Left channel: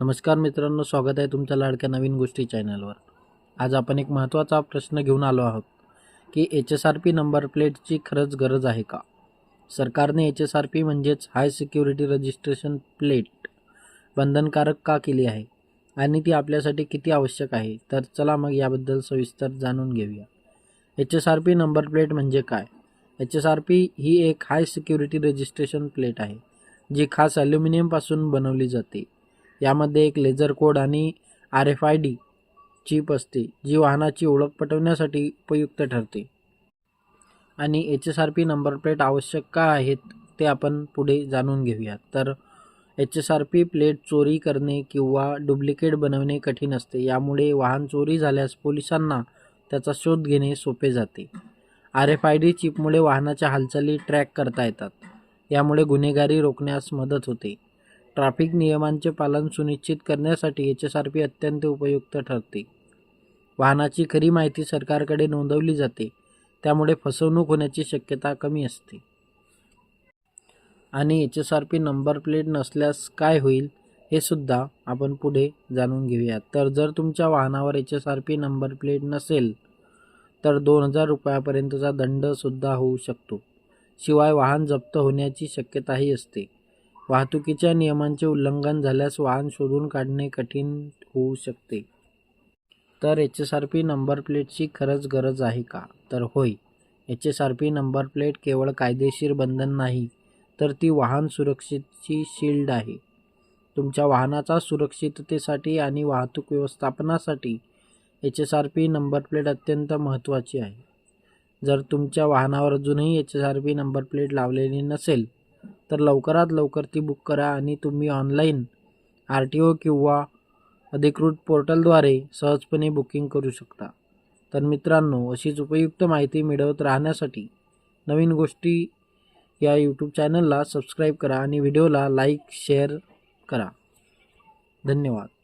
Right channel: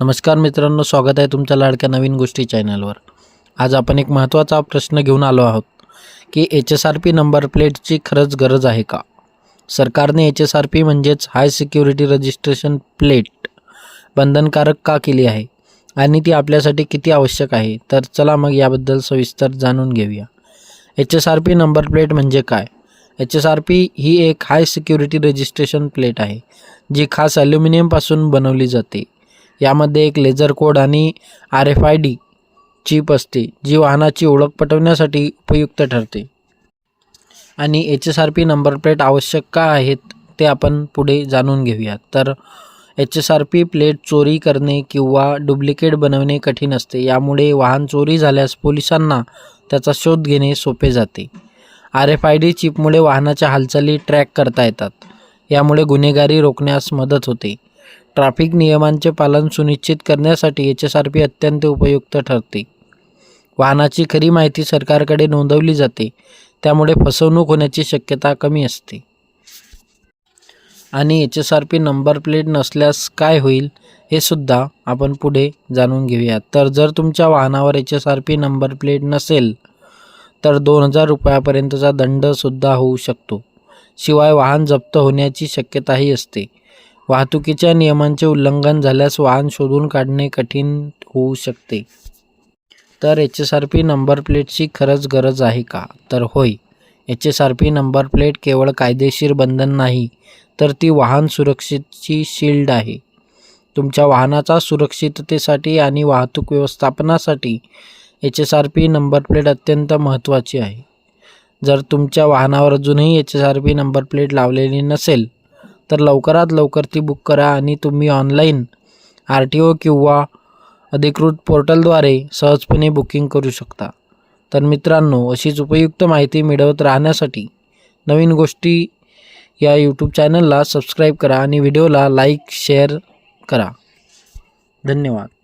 नमस्कार मित्रांनो, स्वागत आहे तुमच्या लाडक्या नवीन गोष्टी चॅनलवर। आज आपण एक महत्त्वाचा प्रश्न घेऊन आलो आहोत की HSRP नंबर प्लेटची खरंच गरज आहे का? सरकारने HSRP म्हणजेच हाय सिक्युरिटी रजिस्ट्रेशन प्लेट बंधनकारक का केली आहे आणि ती आपल्यासाठी किती आवश्यक आहे? तर चला मग याबद्दल सविस्तर जाणून घेऊया। HSRP नंबर प्लेट म्हणजे काय? HSRP ही एक हाय सिक्युरिटी रजिस्ट्रेशन प्लेट आहे जी खास ॲल्युमिनियमपासून बनवली जाते। यामध्ये एक लेझर कोड आणि RFID चिप असते जी वाहनाची ओळख पटवण्यासाठी उपयुक्त ठरते। आणि HSRP नंबर प्लेट आवश्यक का आहेत ते आपण पुढे जाणून घेऊया। तर HSRP प्लेट चोरी करणे किंवा डुप्लिकेट बनवणे कठीण असते। यामुळे वाहन चोरी झाल्यास पोलिसांना त्याचा शोध घेणे सोपे जाते। RFID चिपमुळे वाहनाच्या हालचाली ट्रॅक करता येतात। यामुळे गुन्हेगारी रोखण्यास मदत होते। ट्रॅफिक नियमांचे पालन सुनिश्चित करण्यासाठी HSRP अत्यंत उपयुक्त ठरते। वाहनाची खरी माहिती सरकारकडे नोंदवली जाते, त्यामुळे फसवणूक होण्याची शक्यता कमी असते। आणि HSRP नंबर प्लेट नसल्यास काय होईल हे सुद्धा आपण पुढे जाणून घेऊया। तर जर तुमच्या वाहनावर HSRP नंबर प्लेट नसेल तर 2000 रुपयापर्यंतचा दंडसुद्धा होऊ शकतो। शिवाय वाहन जप्त होण्याची शक्यताही असते। वाहतुकीच्या नियमांचे उल्लंघन झाल्यास वाहन शोधून काढणे कठीण होऊ शकते। तर HSRP नंबर प्लेटची खरंच गरज आहे का? तर होय, HSRP नंबर प्लेट केवळ कायदेशीर बंधन नाही, तर ती वाहन सुरक्षेची शील्ड आहे। तुमच्या वाहनाच्या सुरक्षिततेसाठी आणि वाहतूक व्यवस्थापनासाठी HSRP नंबर प्लेट अत्यंत महत्त्वाची आहे। जर तुमच्या वाहनावर अजूनही HSRP नंबर प्लेट लावलेली नसेल तर लवकरात लवकर ती बुक करा आणि तुम्ही ऑनलाईन RTO किंवा अधिकृत पोर्टलद्वारे सहजपणे बुकिंग करू शकता। तर मित्रांनो, अशीच उपयुक्त माहिती मिळवत राहण्यासाठी नवीन गोष्टी या यूट्यूब चॅनलला सबस्क्राईब करा आणि व्हिडिओला लाईक शेअर करा। धन्यवाद।